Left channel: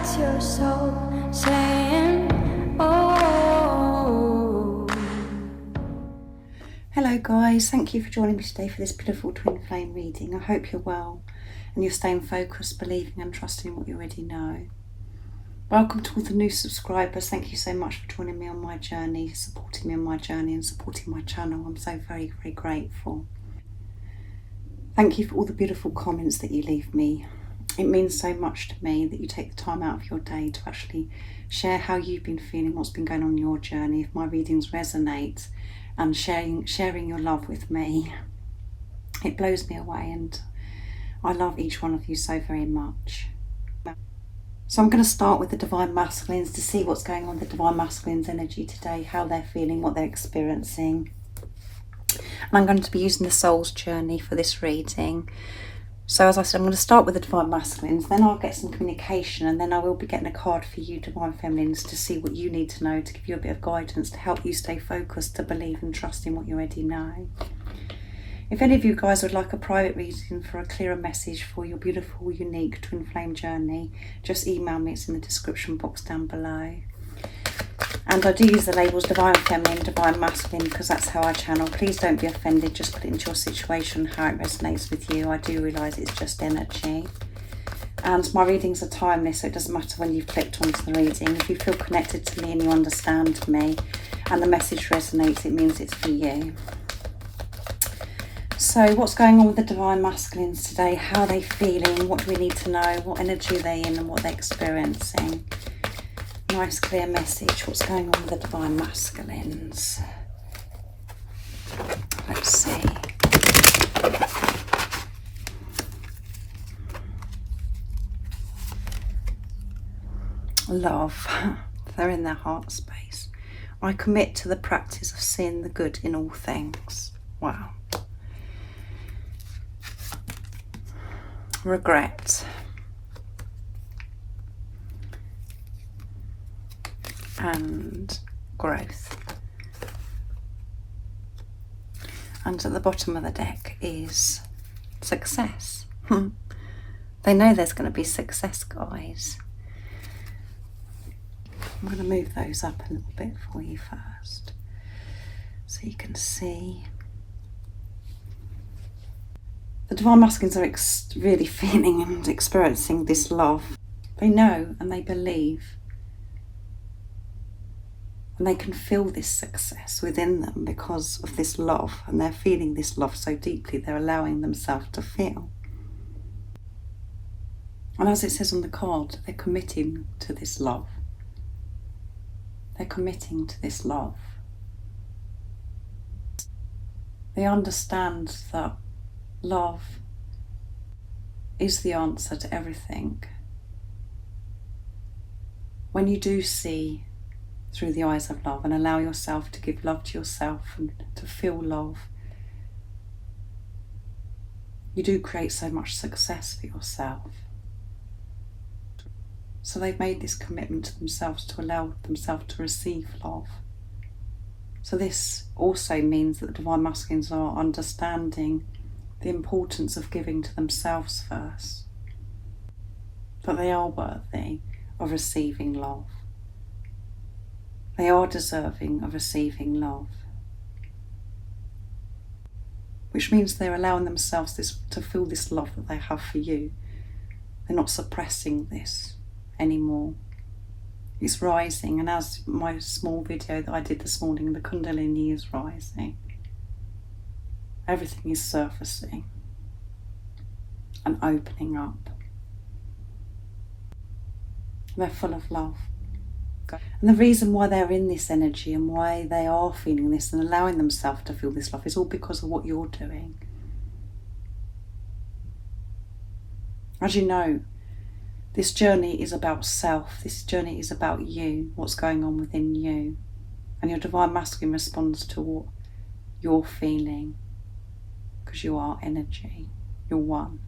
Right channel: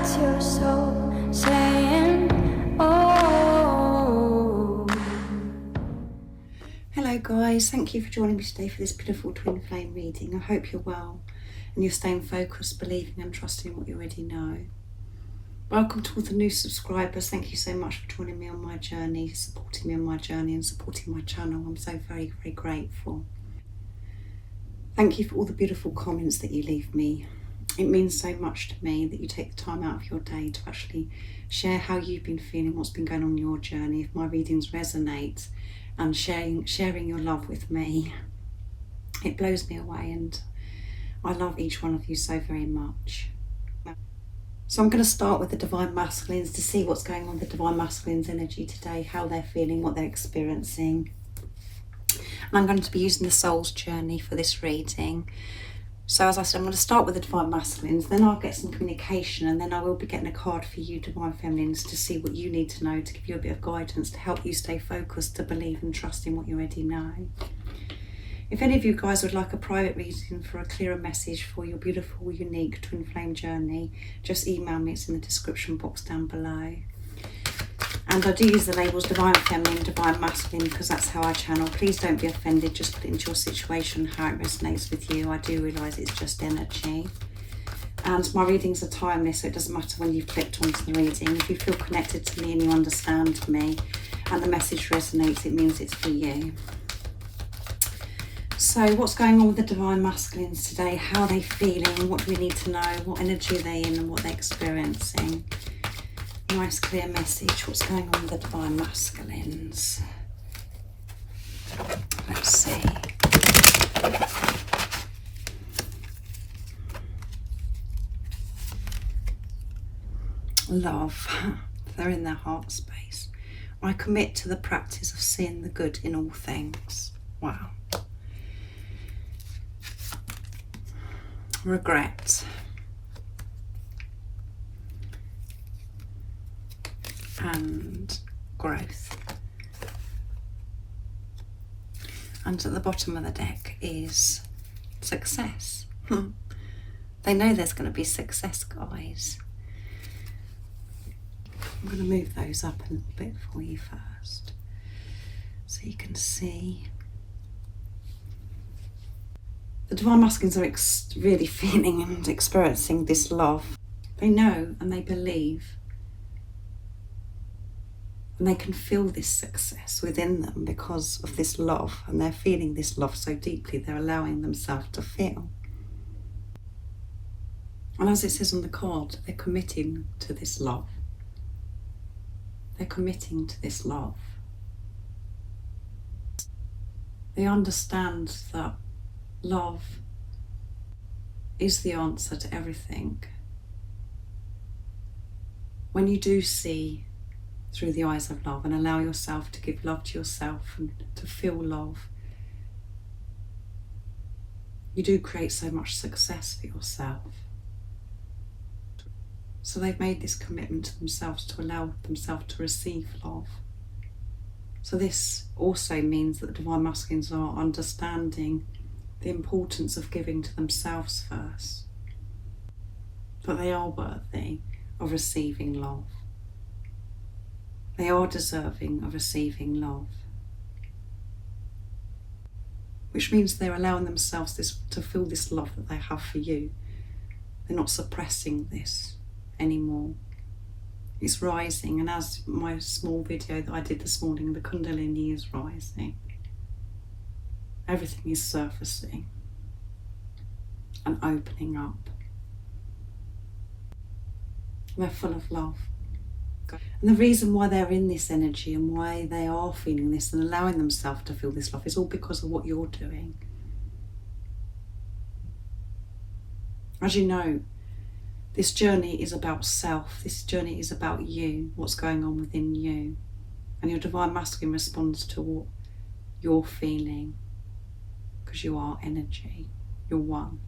That's your soul saying, oh. Hello guys, thank you for joining me today for this beautiful twin flame reading. I hope you're well and you're staying focused, believing and trusting what you already know. Welcome to all the new subscribers. Thank you so much for joining me on my journey, supporting me on my journey and supporting my channel. I'm so very, very grateful. Thank you for all the beautiful comments that you leave me. It means so much to me that you take the time out of your day to actually share how you've been feeling, what's been going on in your journey, if my readings resonate, and sharing your love with me. It blows me away, and I love each one of you so very much. So I'm going to start with the Divine Masculines to see what's going on with the Divine Masculines energy today, how they're feeling, what they're experiencing. And I'm going to be using the Soul's Journey for this reading. So as I said, I'm going to start with the Divine Masculines, then I'll get some communication, and then I will be getting a card for you Divine Feminines to see what you need to know, to give you a bit of guidance, to help you stay focused, to believe and trust in what you already know. If any of you guys would like a private reading for a clearer message for your beautiful, unique twin flame journey, just email me, it's in the description box down below. And I do use the labels Divine Feminine, Divine Masculine, because that's how I channel. Please don't be offended, just put it into your situation, how it resonates with you. I do realise it's just energy. And my readings are timeless, so it doesn't matter when you've clicked onto the reading. If you feel connected to me and you understand me and the message resonates, it means it's for you. So what's going on with the Divine Masculines today? How are they feeling? What do we need to know? What energy are they in and what they're experiencing? Nice clear message. What's going on with the Divine Masculines? Let's see. Love. They're in their heart space. I commit to the practice of seeing the good in all things. Wow. Regret. And growth. And at the bottom of the deck is success. They know there's going to be success, guys. I'm going to move those up a little bit for you first, so you can see. The Divine Masculines are really feeling and experiencing this love. They know and they believe. And they can feel this success within them because of this love, and they're feeling this love so deeply, they're allowing themselves to feel. And as it says on the card, they're committing to this love. They're committing to this love. They understand that love is the answer to everything. When you do see through the eyes of love and allow yourself to give love to yourself and to feel love, you do create so much success for yourself. So they've made this commitment to themselves to allow themselves to receive love. So this also means that the Divine Masculines are understanding the importance of giving to themselves first, that they are worthy of receiving love. They are deserving of receiving love, which means they're allowing themselves to feel this love that they have for you. They're not suppressing this anymore. It's rising, and as my small video that I did this morning, the Kundalini is rising. Everything is surfacing and opening up. They're full of love. And the reason why they're in this energy and why they are feeling this and allowing themselves to feel this love is all because of what you're doing. As you know, this journey is about self. This journey is about you, what's going on within you. And your Divine Masculine responds to what you're feeling, because you are energy. You're one.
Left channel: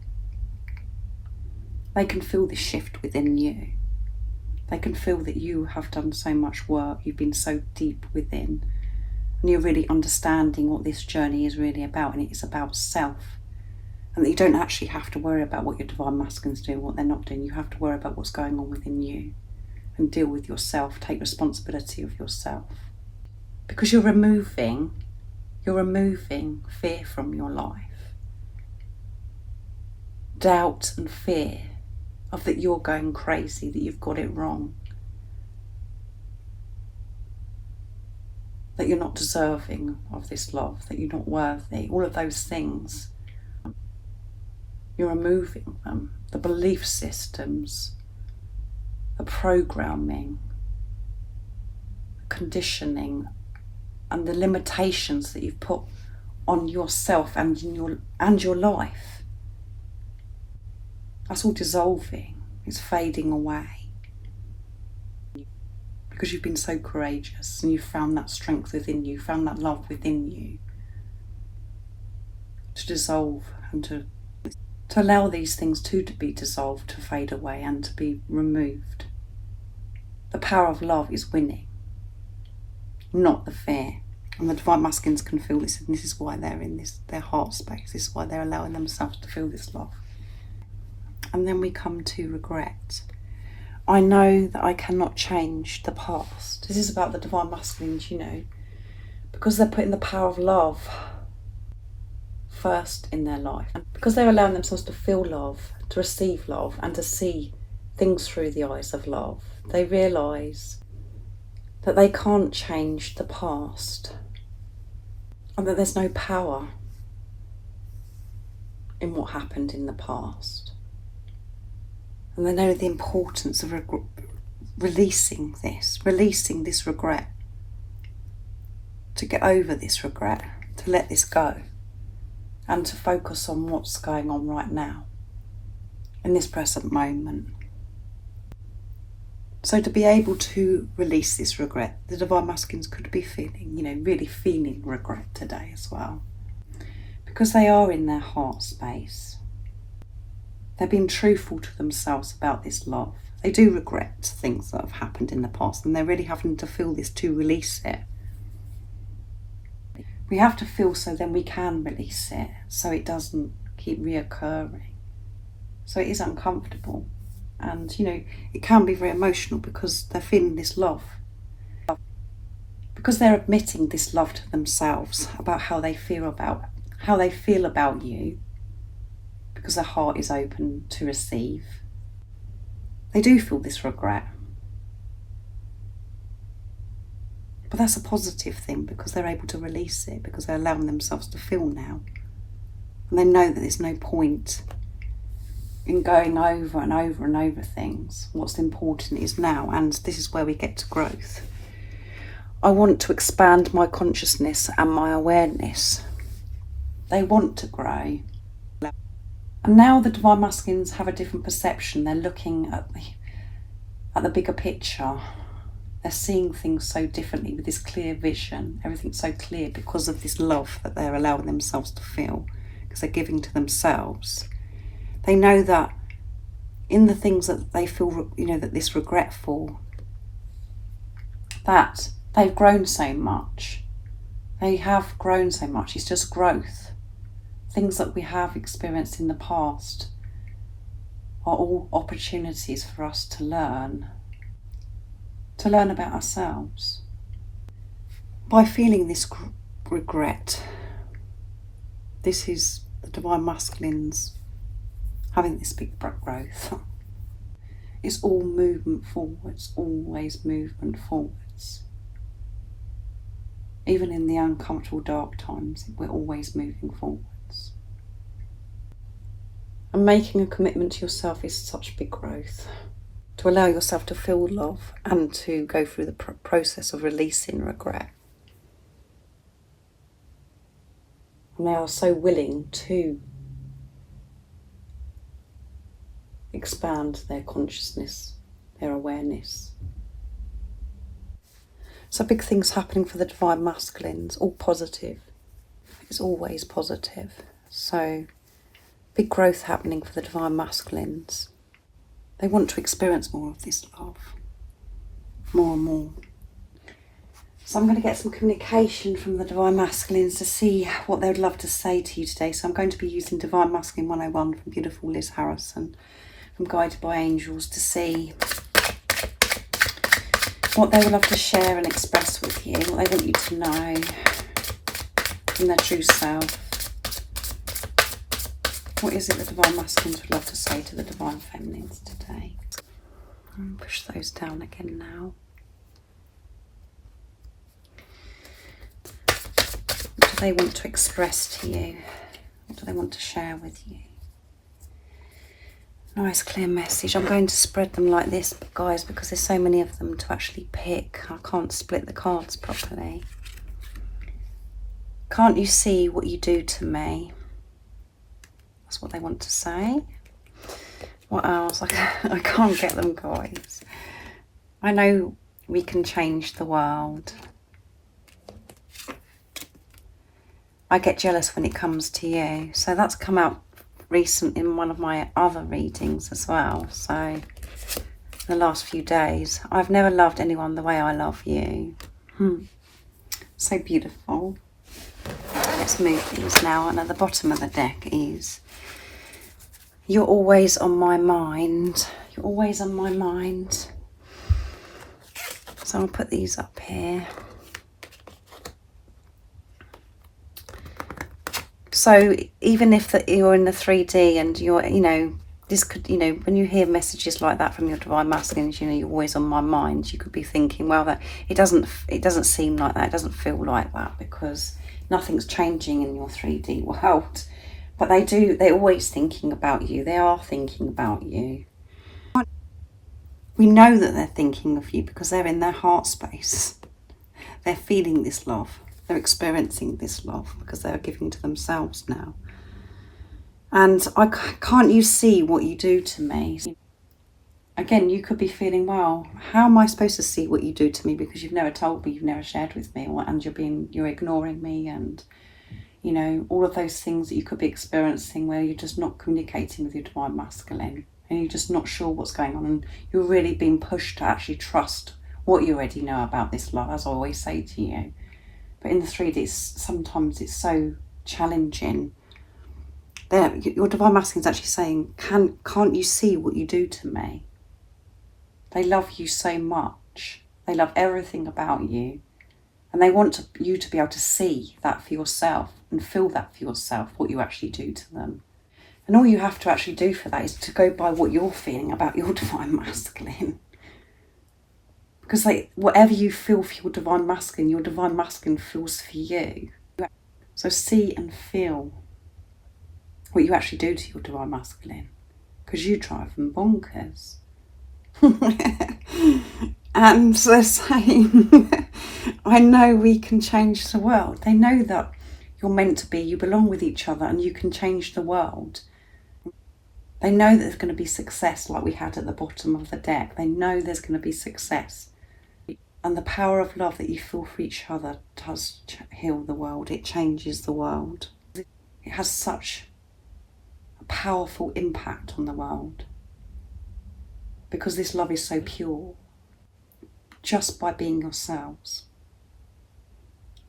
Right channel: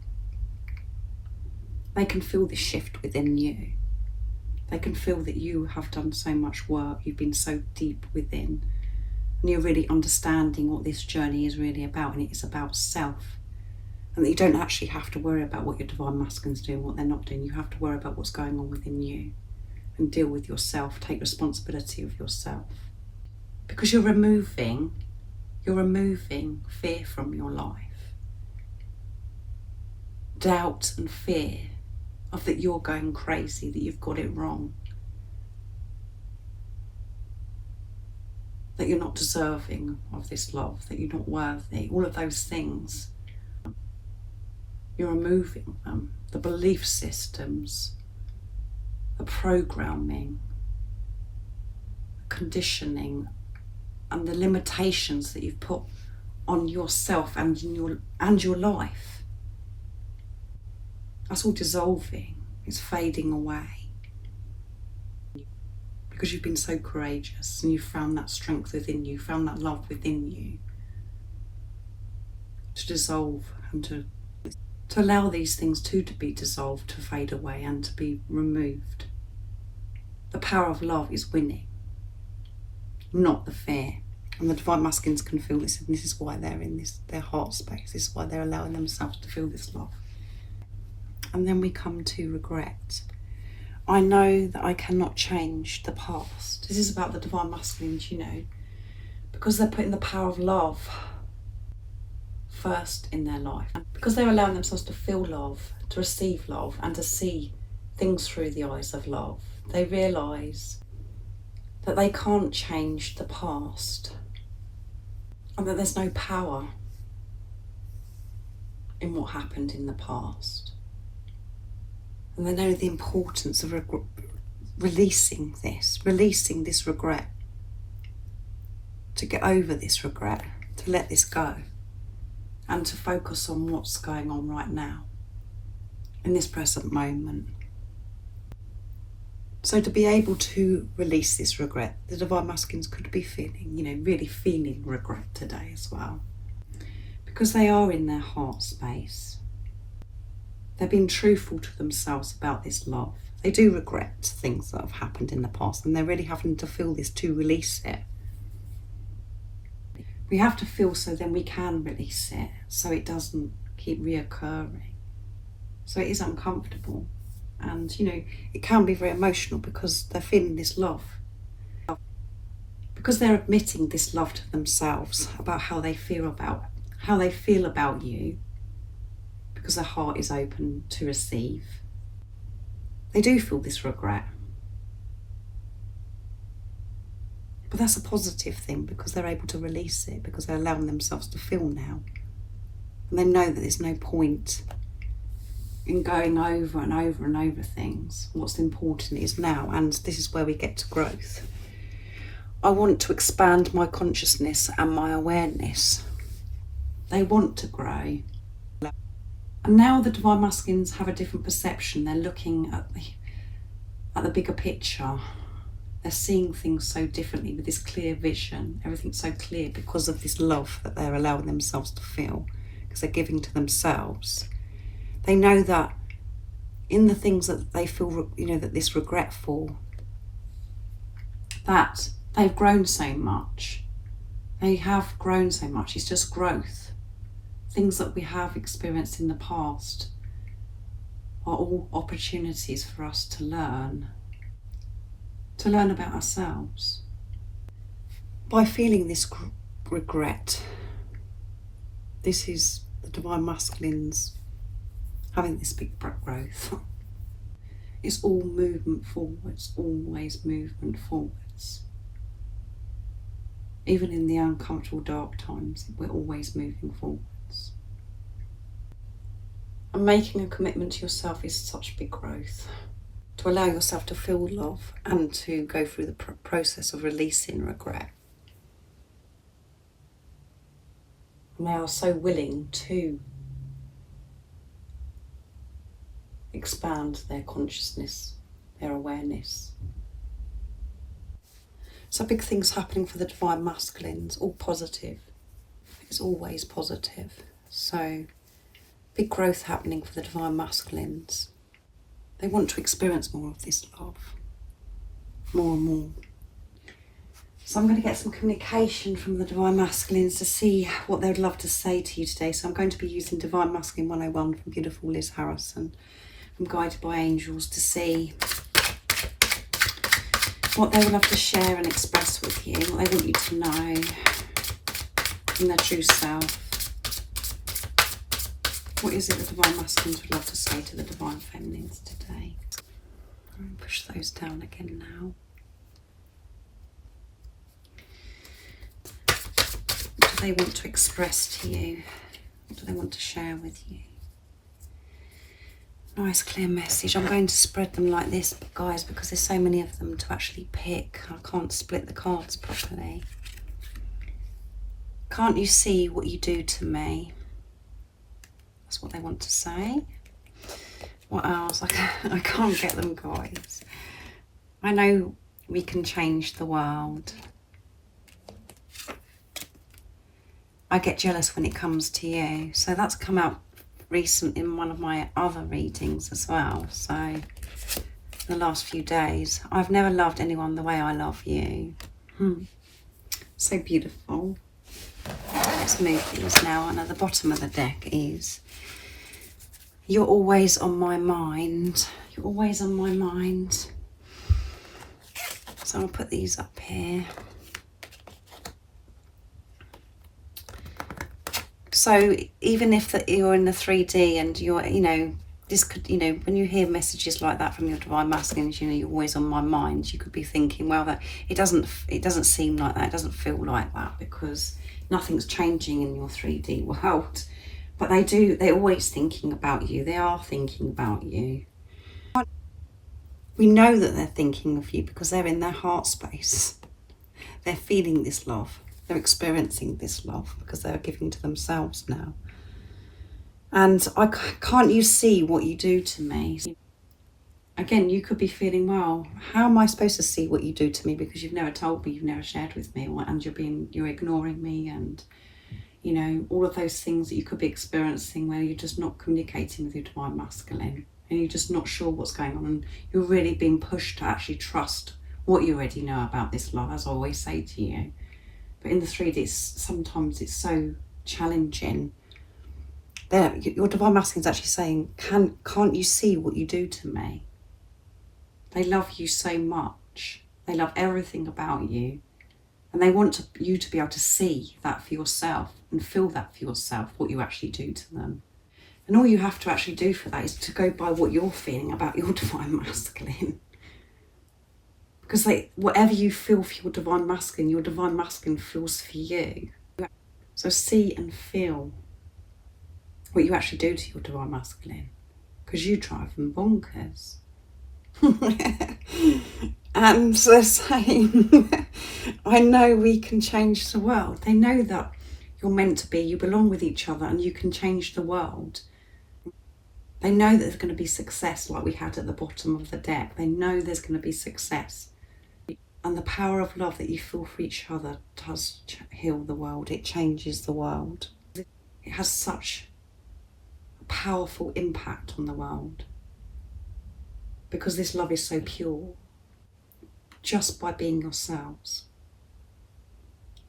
They can feel the shift within you. They can feel that you have done so much work, you've been so deep within, and you're really understanding what this journey is really about, and it is about self. And that you don't actually have to worry about what your divine masculines do and what they're not doing. You have to worry about what's going on within you and deal with yourself, take responsibility of yourself. Because you're removing fear from your life. Doubt and fear of that you're going crazy, that you've got it wrong, that you're not deserving of this love, that you're not worthy, all of those things. You're removing them, the belief systems, the programming, conditioning, and the limitations that you've put on yourself and your life. That's all dissolving, it's fading away. Because you've been so courageous and you've found that strength within you, found that love within you to dissolve and to allow these things to be dissolved, to fade away and to be removed. The power of love is winning, not the fear. And the divine masculines can feel this, and this is why they're in their heart space. This is why they're allowing themselves to feel this love. And then we come to regret. I know that I cannot change the past. This is about the divine masculines, because they're putting the power of love first in their life. Because they're allowing themselves to feel love, to receive love, and to see things through the eyes of love. They realise that they can't change the past and that there's no power in what happened in the past. And they know the importance of releasing this regret, to get over this regret, to let this go, and to focus on what's going on right now, in this present moment. So to be able to release this regret, the divine masculines could be feeling, really feeling regret today as well. Because they are in their heart space. They're being truthful to themselves about this love. They do regret things that have happened in the past, and they're really having to feel this to release it. We have to feel so then we can release it, so it doesn't keep reoccurring. So it is uncomfortable. And, it can be very emotional because they're feeling this love. Because they're admitting this love to themselves about how they feel about you, because their heart is open to receive. They do feel this regret. But that's a positive thing because they're able to release it, because they're allowing themselves to feel now. And they know that there's no point in going over and over and over things. What's important is now, and this is where we get to growth. I want to expand my consciousness and my awareness. They want to grow. And now the divine masculines have a different perception. They're looking at the bigger picture. They're seeing things so differently with this clear vision. Everything's so clear because of this love that they're allowing themselves to feel, because they're giving to themselves. They know that in the things that they feel, that this regret for, that they've grown so much. They have grown so much. It's just growth. Things that we have experienced in the past are all opportunities for us to learn about ourselves. By feeling this regret, this is the divine masculines having this big growth. It's all movement forwards, always movement forwards. Even in the uncomfortable dark times, we're always moving forwards. And making a commitment to yourself is such big growth. To allow yourself to feel love and to go through the process of releasing regret. And they are so willing to expand their consciousness, their awareness. So big things happening for the divine masculines, all positive. It's always positive. So big growth happening for the divine masculines. They want to experience more of this love, more and more. So I'm going to get some communication from the Divine Masculines to see what they would love to say to you today. So I'm going to be using Divine Masculine 101 from beautiful Liz Harrison, from Guided by Angels, to see what they would love to share and express with you, what they want you to know from their true self. What is it the Divine Masculines would love to say to the Divine Feminines today? I'll push those down again now. What do they want to express to you? What do they want to share with you? Nice clear message. I'm going to spread them like this, guys, because there's so many of them to actually pick. I can't split the cards properly. Can't you see what you do to me? That's what they want to say. What else? I can't get them, guys. I know we can change the world. I get jealous when it comes to you. So that's come out recent in one of my other readings as well. So the last few days, I've never loved anyone the way I love you. So beautiful. Let's move things now. And at the bottom of the deck is, you're always on my mind. You're always on my mind. So I'll put these up here. So even if you're in the 3D and you're, this could, when you hear messages like that from your Divine Masculines, you're always on my mind. You could be thinking, well, that it doesn't seem like that. It doesn't feel like that because nothing's changing in your 3D world. But they're always thinking about you. They are thinking about you. We know that they're thinking of you because they're in their heart space. They're feeling this love. They're experiencing this love because they're giving to themselves now. And can't you see what you do to me? Again, you could be feeling, well, how am I supposed to see what you do to me? Because you've never told me, you've never shared with me, and you're ignoring me, and all of those things that you could be experiencing where you're just not communicating with your Divine Masculine and you're just not sure what's going on, and you're really being pushed to actually trust what you already know about this love, as I always say to you. But in the 3D, sometimes it's so challenging. Your Divine Masculine is actually saying, can't you see what you do to me? They love you so much. They love everything about you. And they want you to be able to see that for yourself and feel that for yourself, what you actually do to them. And all you have to actually do for that is to go by what you're feeling about your Divine Masculine. Because whatever you feel for your Divine Masculine feels for you. So see and feel what you actually do to your Divine Masculine. Because you drive them bonkers. And they're saying, I know we can change the world. They know that you're meant to be, you belong with each other and you can change the world. They know that there's going to be success like we had at the bottom of the deck. They know there's going to be success. And the power of love that you feel for each other does heal the world. It changes the world. It has such a powerful impact on the world. Because this love is so pure. Just by being yourselves.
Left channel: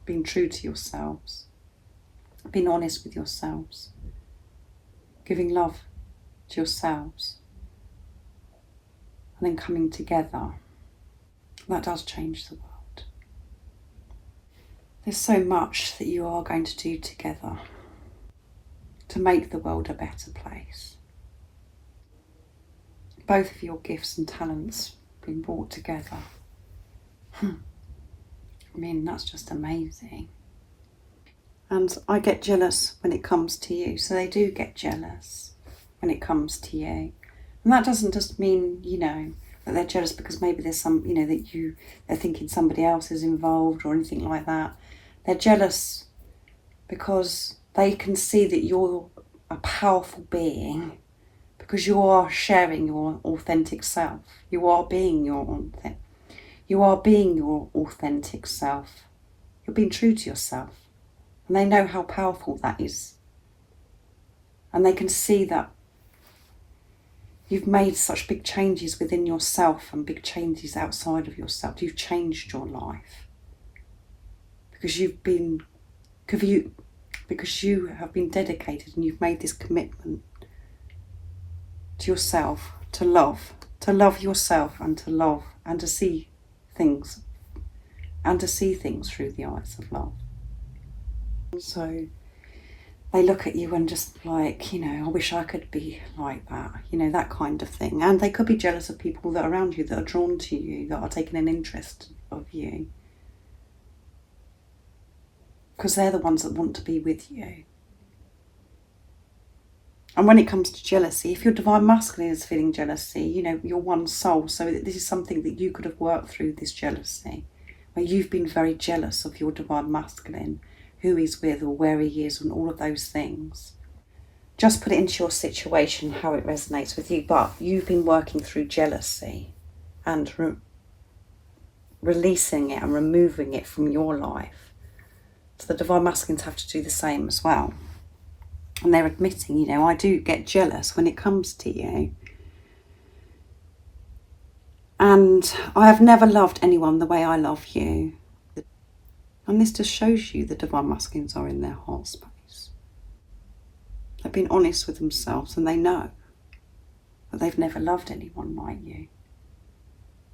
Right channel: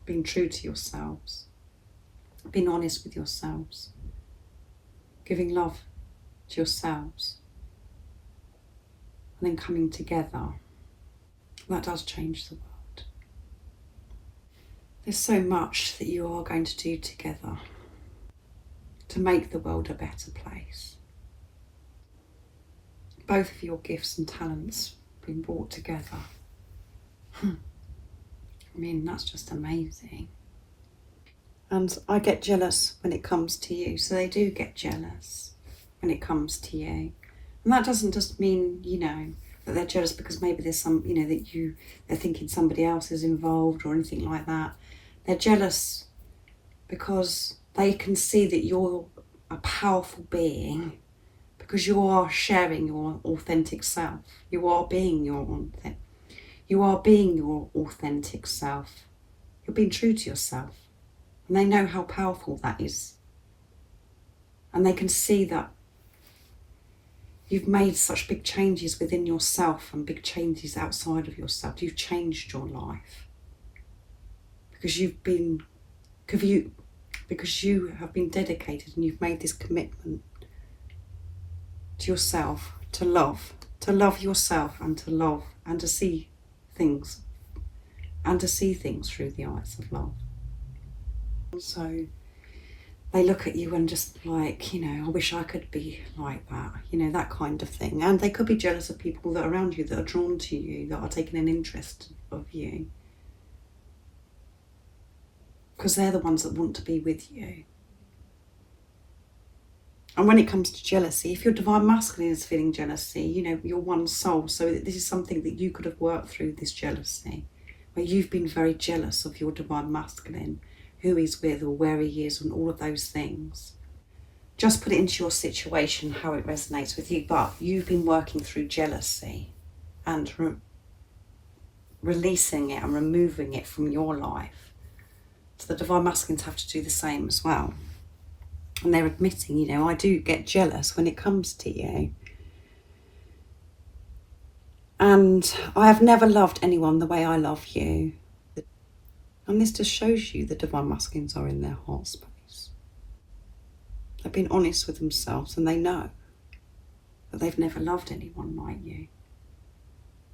Being true to yourselves. Being honest with yourselves. Giving love to yourselves. And then coming together. That does change the world. There's so much that you are going to do together to make the world a better place. Both of your gifts and talents being brought together. I mean, that's just amazing. And I get jealous when it comes to you. So they do get jealous when it comes to you. And that doesn't just mean, that they're jealous because maybe there's some, they're thinking somebody else is involved or anything like that. They're jealous because they can see that you're a powerful being, because you are sharing your authentic self. You are being your authentic self. You're being true to yourself. And they know how powerful that is. And they can see that you've made such big changes within yourself and big changes outside of yourself. You've changed your life. because you have been dedicated and you've made this commitment to yourself, to love yourself, and to love and to see things through the eyes of love. So they look at you and just like, you know, I wish I could be like that, you know, that kind of thing. And they could be jealous of people that are around you, that are drawn to you, that are taking an interest of you, because they're the ones that want to be with you. And when it comes to jealousy, if your divine masculine is feeling jealousy, you know, you're one soul, so this is something that you could have worked through, this jealousy, where you've been very jealous of your divine masculine, who he's with or where he is and all of those things. Just put it into your situation, how it resonates with you. But you've been working through jealousy and releasing it and removing it from your life. So the divine masculines have to do the same as well. And they're admitting, you know, I do get jealous when it comes to you. And I have never loved anyone the way I love you. And this just shows you the divine masculines are in their heart space. They've been honest with themselves and they know that they've never loved anyone like you.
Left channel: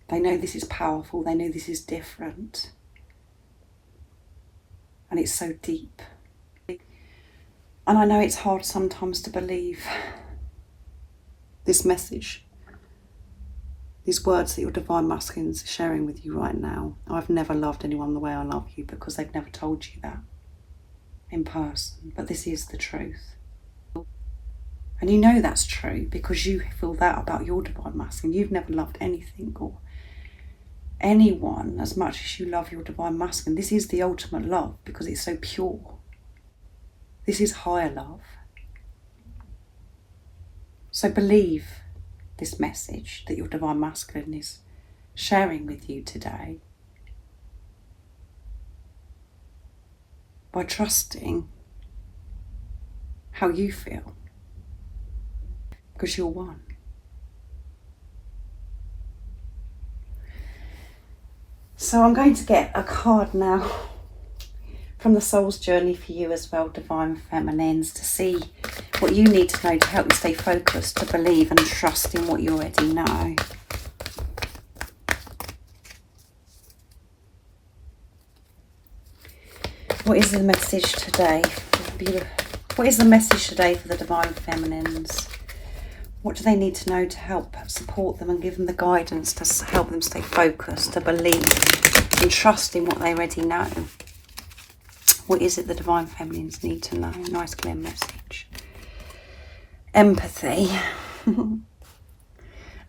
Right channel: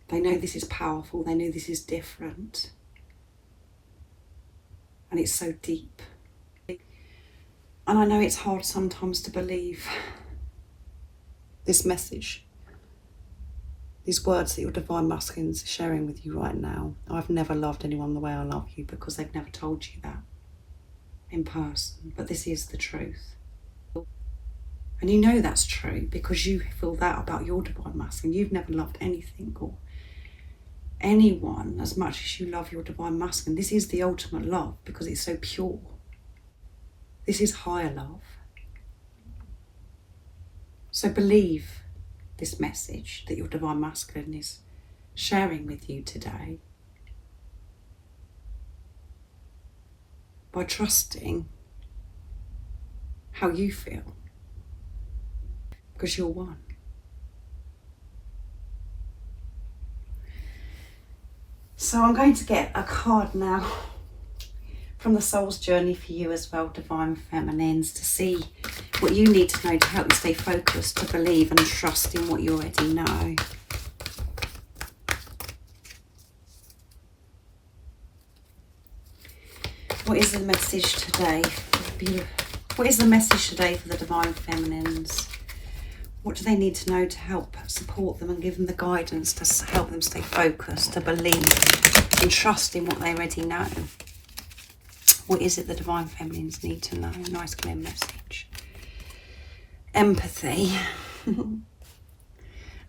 They know this is powerful, they know this is different. And it's so deep. And I know it's hard sometimes to believe this message, these words that your divine masculines are sharing with you right now. I've never loved anyone the way I love you, because they've never told you that in person. But this is the truth. And you know that's true because you feel that about your divine masculine. You've never loved anything or anyone as much as you love your divine masculine. This is the ultimate love because it's so pure. This is higher love. So believe this message that your divine masculine is sharing with you today by trusting how you feel, because you're one. So I'm going to get a card now from the Soul's Journey for you as well, Divine Feminines, to see what you need to know to help you stay focused, to believe and trust in what you already know. What is the message today? What is the message today for the Divine Feminines? What do they need to know to help support them and give them the guidance to help them stay focused, to believe and trust in what they already know? What is it the Divine Feminines need to know? Nice clear message. Empathy. And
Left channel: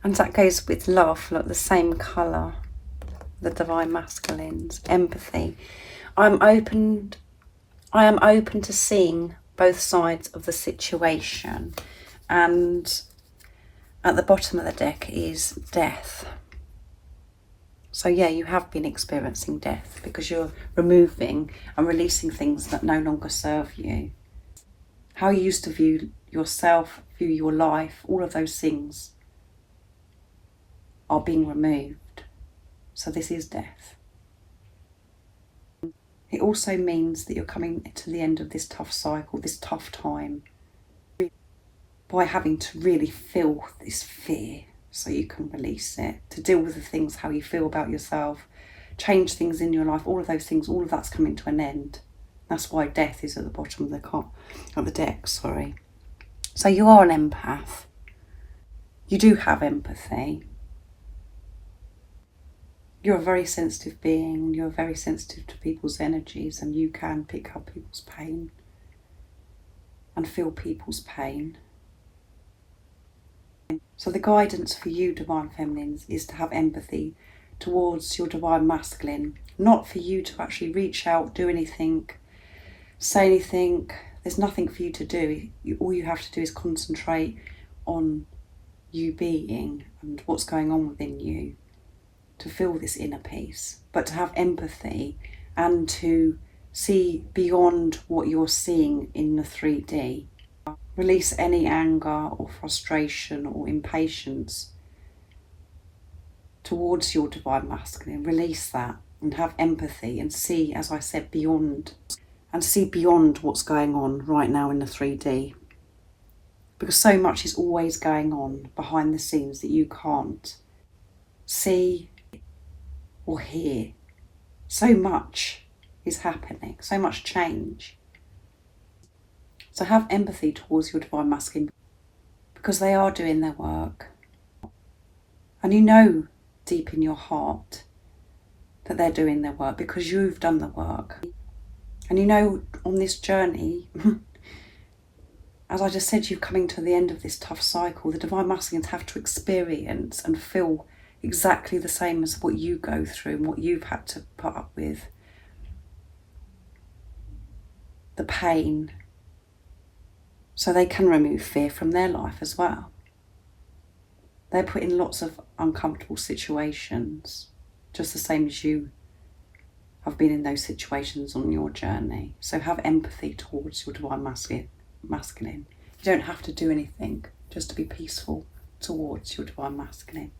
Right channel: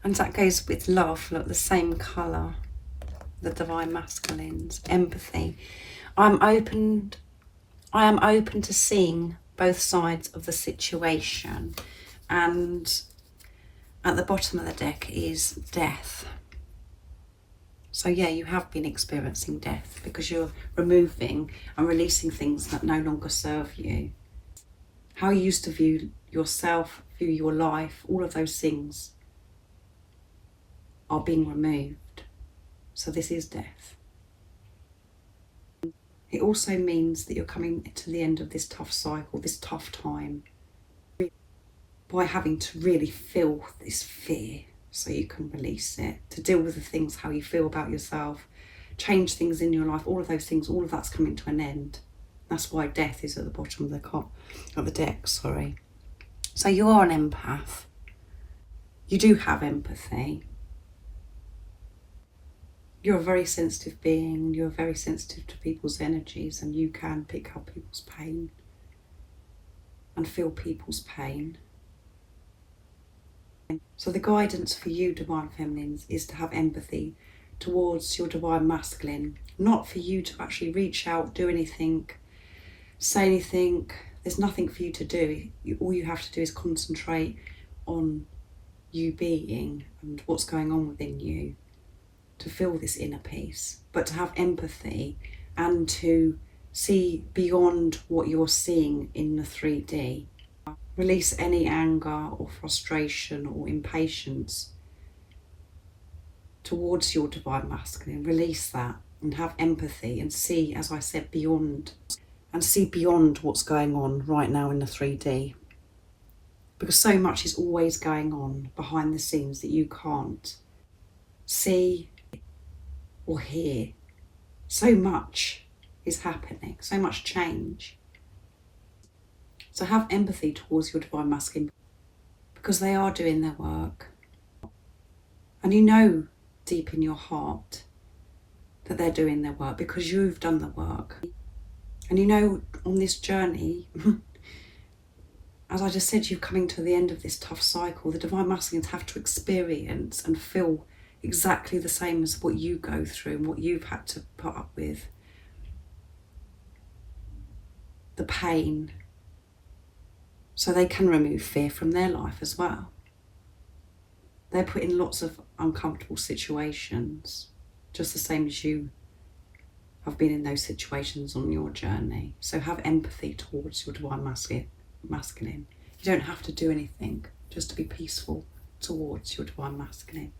that goes with love, like the same colour, the Divine Masculines. Empathy. I am open to seeing both sides of the situation. And at the bottom of the deck is death. So yeah, you have been experiencing death because you're removing and releasing things that no longer serve you. How you used to view yourself, view your life, all of those things are being removed. So this is death. It also means that you're coming to the end of this tough cycle, this tough time, by having to really feel this fear so you can release it, to deal with the things, how you feel about yourself, change things in your life, all of those things, all of that's coming to an end. That's why death is at the bottom of the deck, sorry. So you are an empath. You do have empathy. You're a very sensitive being. You're very sensitive to people's energies, and you can pick up people's pain and feel people's pain. So the guidance for you, Divine Feminines, is to have empathy towards your Divine Masculine, not for you to actually reach out, do anything, say anything. There's nothing for you to do. All you have to do is concentrate on you being and what's going on within you, to feel this inner peace, but to have empathy and to see beyond what you're seeing in the 3D. Release any anger or frustration or impatience towards your Divine Masculine. Release that and have empathy and see, as I said, beyond, and see beyond what's going on right now in the 3D. Because so much is always going on behind the scenes that you can't see or hear. So much is happening, so much change. So have empathy towards your divine masculine, because they are doing their work. And you know deep in your heart that they're doing their work because you've done the work. And you know on this journey, as I just said, you're coming to the end of this tough cycle. The divine masculines have to experience and feel exactly the same as what you go through and what you've had to put up with. The pain. So they can remove fear from their life as well. They're put in lots of uncomfortable situations, just the same as you have been in those situations on your journey. So have empathy towards your divine masculine. You don't have to do anything, just to be peaceful towards your divine masculine.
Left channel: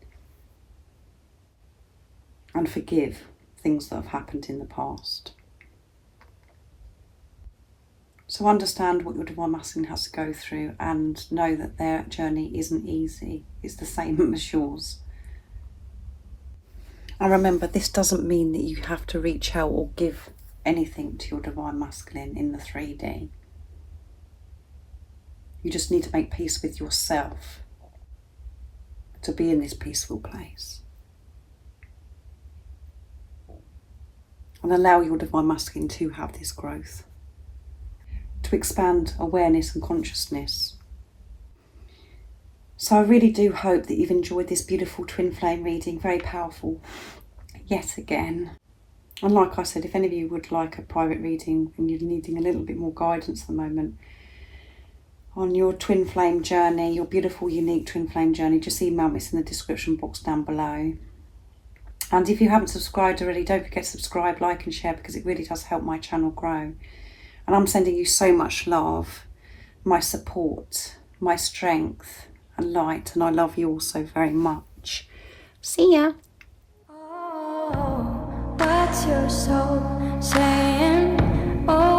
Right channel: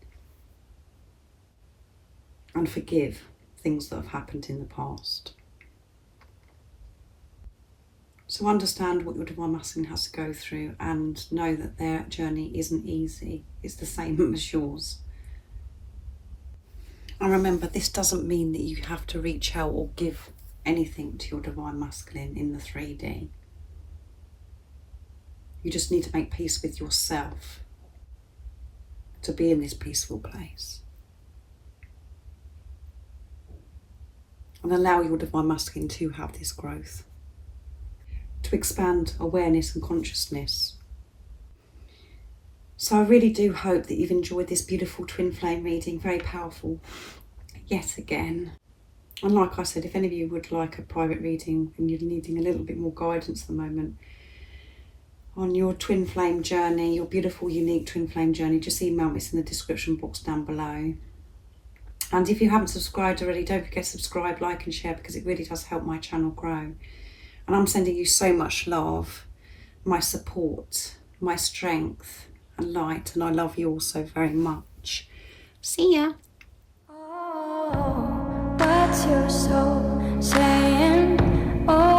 And forgive things that have happened in the past. So understand what your divine masculine has to go through and know that their journey isn't easy. It's the same as yours. And remember, this doesn't mean that you have to reach out or give anything to your divine masculine in the 3D. You just need to make peace with yourself to be in this peaceful place. And allow your divine masculine to have this growth, to expand awareness and consciousness. So I really do hope that you've enjoyed this beautiful twin flame reading, very powerful yet again. And like I said, if any of you would like a private reading and you're needing a little bit more guidance at the moment on your twin flame journey, your beautiful, unique twin flame journey, just email me. It's in the description box down below. And if you haven't subscribed already, don't forget to subscribe, like and share, because it really does help my channel grow. And I'm sending you so much love, my support, my strength and light. And I love you all so very much. See ya. Oh, what's your soul saying? Oh.